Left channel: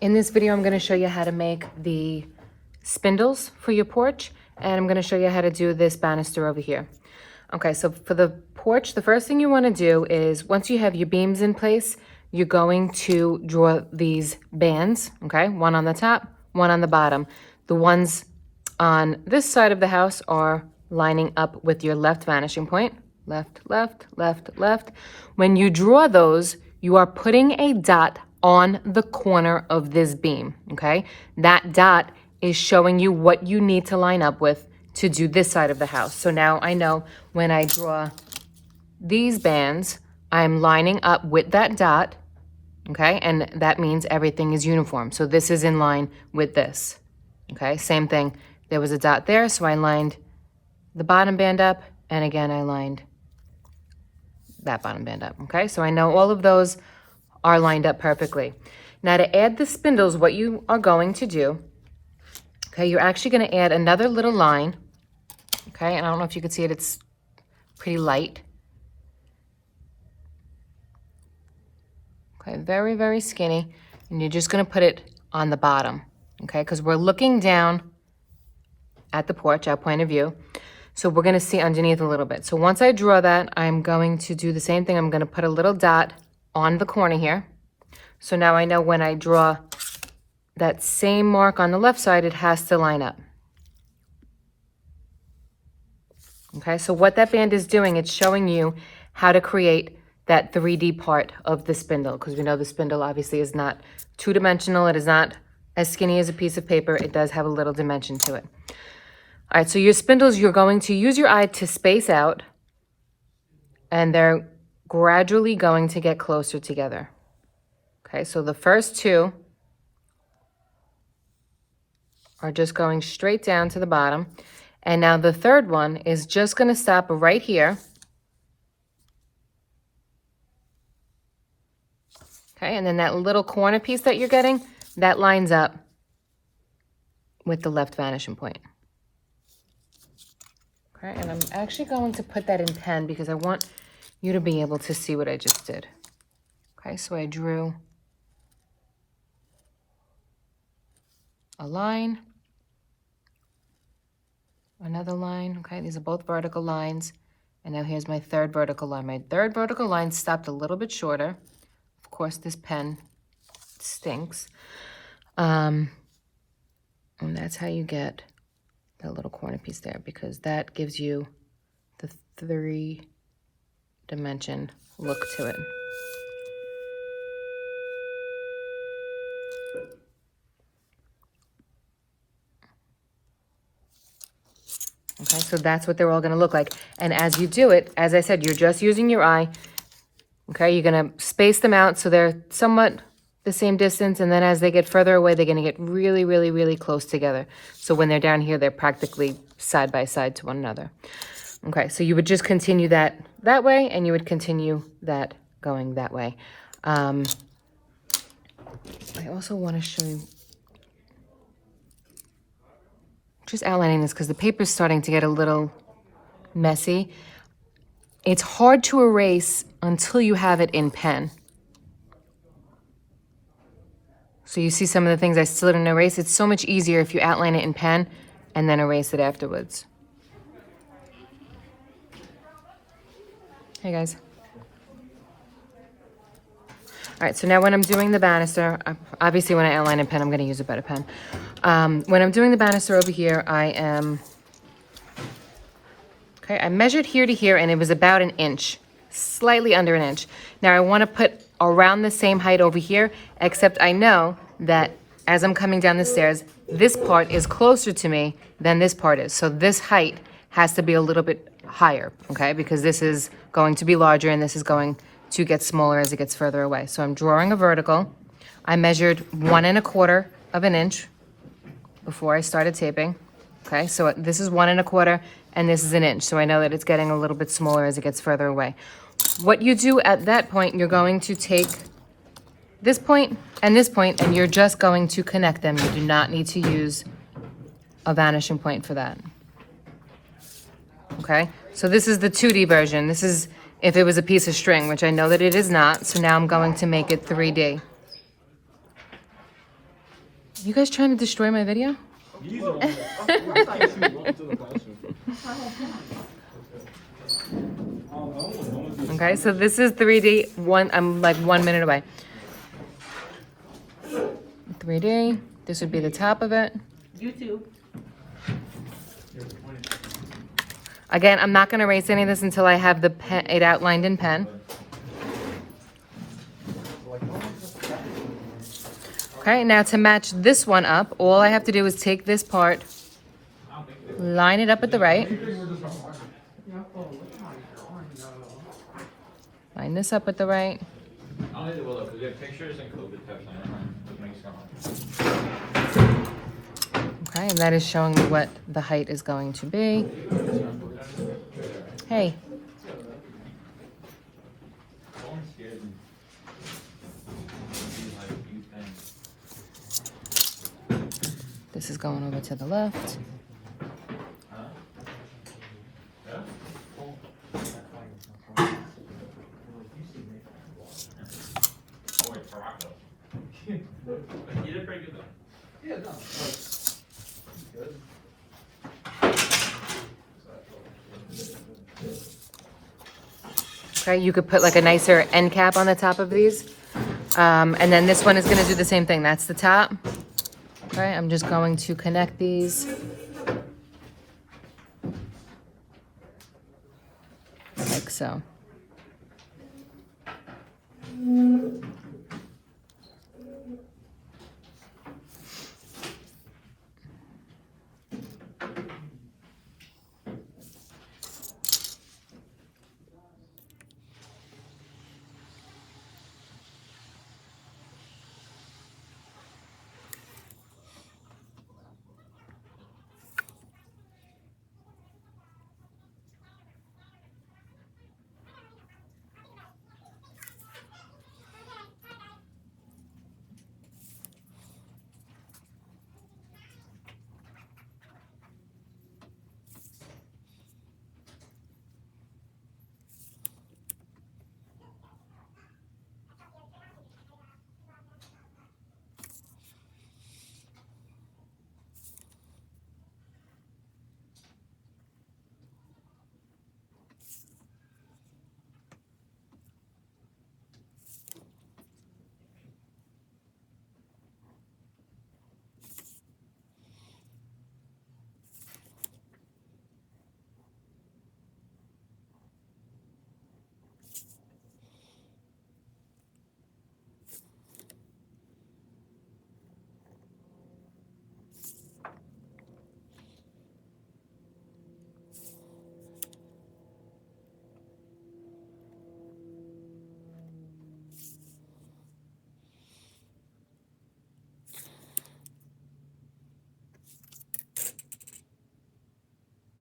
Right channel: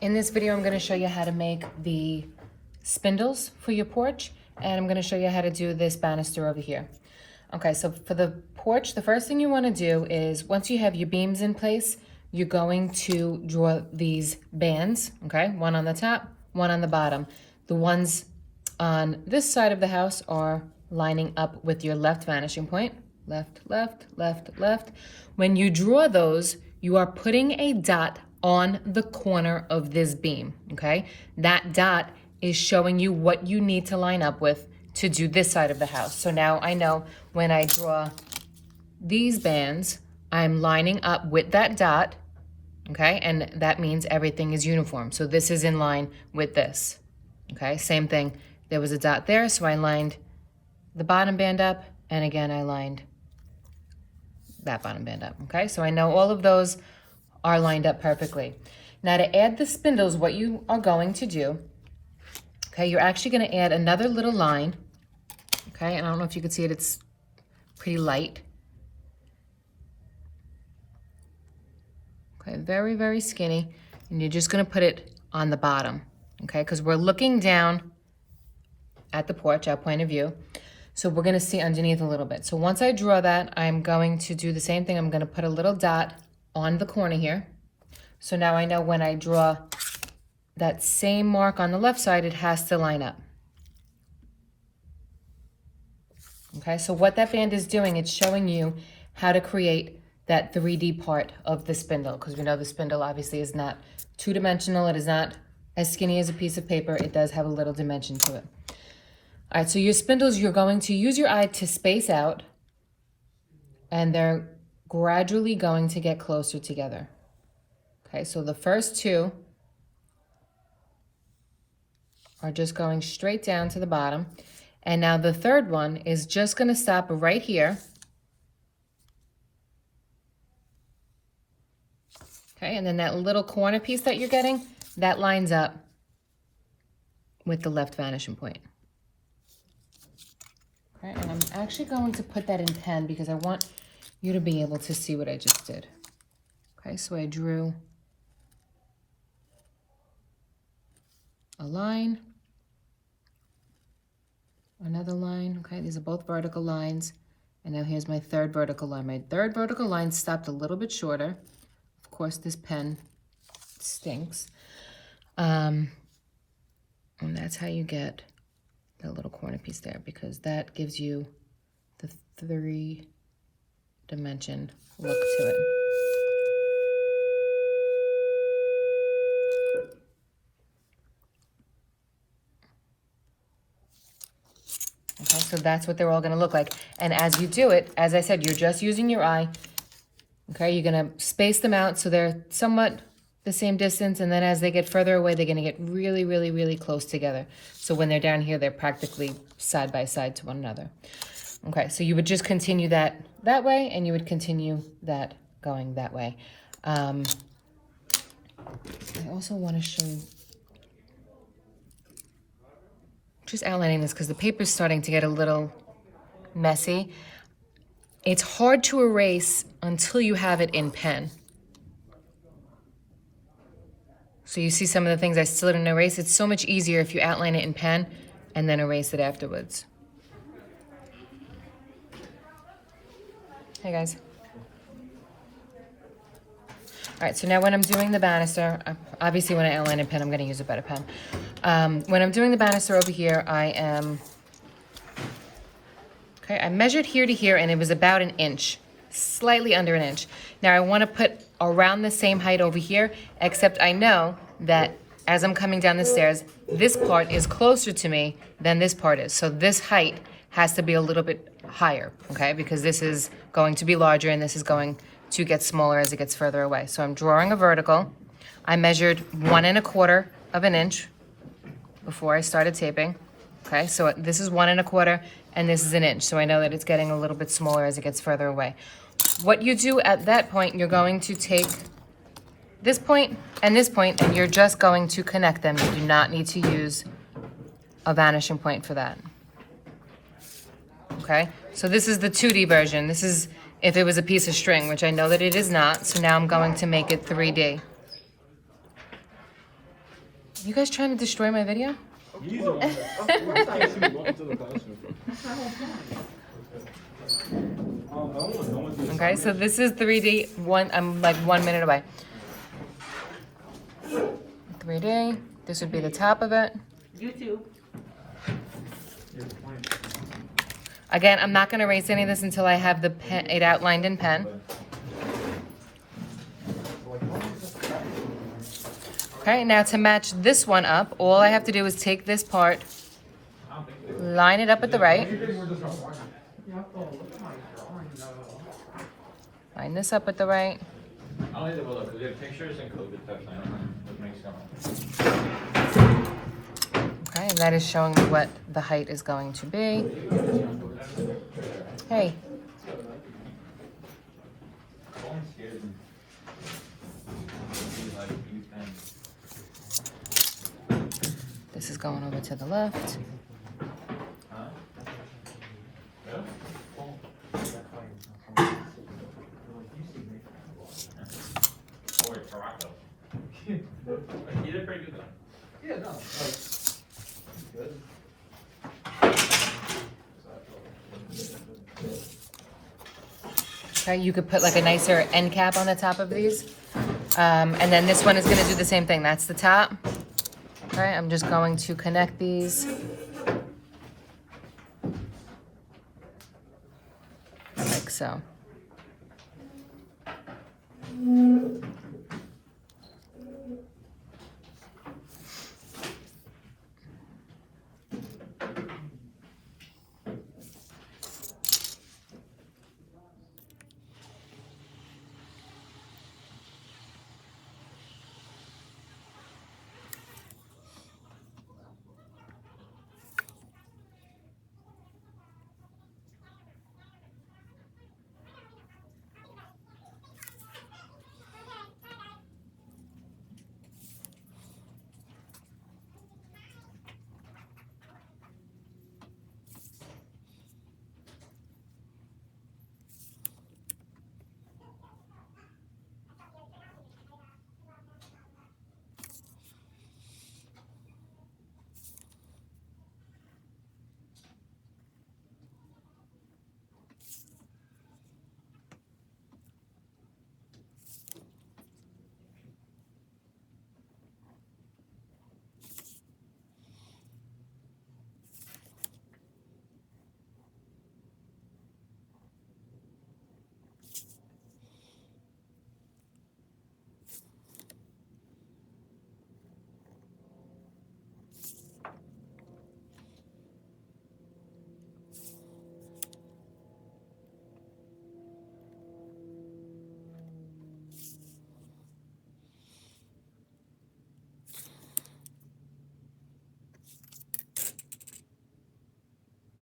In this video, I'm gonna show you how to make the spindles for your porch, and I'm gonna show you how to do this banister over here. Okay, so for the porch, the first thing you wanna do is, once you have your beams in place, you're going to draw these bands, okay? One on the top, one on the bottom. The ones on this side of the house are lining up with your left vanishing point. Left, left, left, left. When you draw those, you are putting a dot on the corner of this beam, okay? That dot is showing you what you need to line up with to do this side of the house. So now I know when I draw these bands, I'm lining up with that dot, okay? And that means everything is uniform. So this is in line with this, okay? Same thing, there was a dot there, so I lined the bottom band up, and again, I lined that bottom band up, okay? So I know all of those are lined up perfectly. Now to add the spindles, what you are going to do, okay, you're actually gonna add another little line, okay? And I don't know if you can see it, it's pretty light. Okay, very, very skinny. And you're just gonna put it on the bottom, okay? Because we're looking down at the porch, our point of view. So we're gonna see underneath a little bit. So once I draw that, I'm going to do the same thing. I'm gonna put a little dot on the corner here. So now I know when I draw that same mark on the left side, it has to line up. Okay, so what that band is doing, it's showing you how to create that 3D part of the spindle, because we know the spindle obviously is not two-dimensional. It is not as skinny as a piece of paper. It does have a little dimension to it. All right, so your spindles, you're going to use your eye to space out, and they're gradually going to get closer together. Okay, so the first two are just going straight down to the bottom. And now the third one is just gonna stop right here. Okay, and then that little corner piece that you're getting, that lines up with the left vanishing point. Okay, and I'm actually going to put that in pen because I want you to be able to see what I just did. Okay, so I drew a line, another line, okay? These are both vertical lines. And now here's my third vertical line. My third vertical line stopped a little bit shorter. Of course, this pen stinks. And that's how you get that little corner piece there, because that gives you the 3-dimension look to it. Okay, so that's what they're all gonna look like. And as you do it, as I said, you're just using your eye. Okay, you're gonna space them out so they're somewhat the same distance, and then as they get further away, they're gonna get really, really, really close together. So when they're down here, they're practically side by side to one another. Okay, so you would just continue that way, and you would continue that going that way. I also wanna show you, just outlining this because the paper's starting to get a little messy. It's hard to erase until you have it in pen. So you see some of the things I still didn't erase. It's so much easier if you outline it in pen and then erase it afterwards. Hey guys. All right, so now when I'm doing the banister, obviously when I outline in pen, I'm gonna use a better pen. When I'm doing the banister over here, I measured here to here, and it was about an inch, slightly under an inch. Now I wanna put around the same height over here, except I know that as I'm coming down the stairs, this part is closer to me than this part is. So this height has to be a little bit higher, okay? Because this is going to be larger, and this is going to get smaller as it gets further away. So I'm drawing a vertical. I measured 1 1/4 of an inch before I started taping. Okay, so this is 1 1/4 and this is an inch. So I know that it's getting a little bit smaller as it gets further away. What you do at that point, you're going to take this point, and you're just going to connect them. You do not need to use a vanishing point for that. Okay, so this is the 2D version. This is if it was a piece of string, which I know that it is not. So now I'm going to make it 3D. You guys trying to destroy my video? Okay, so this is 3D. I'm like 1 minute away. 3D. This would be the top of it. YouTube. Again, I'm not going to erase any of this until I have the pen, it outlined in pen. Okay, now to match this one up, all I have to do is take this part, line it up at the right. Line this up at the right. Okay, and that is showing me what the height is going to be. Hey. This is going over to the left. You did pretty good though. Yeah, no, good. Okay, you could put like a nicer end cap on the top of these. And then this one is going to do the same thing. That's the top. Okay, I'm just going to connect these. Like so.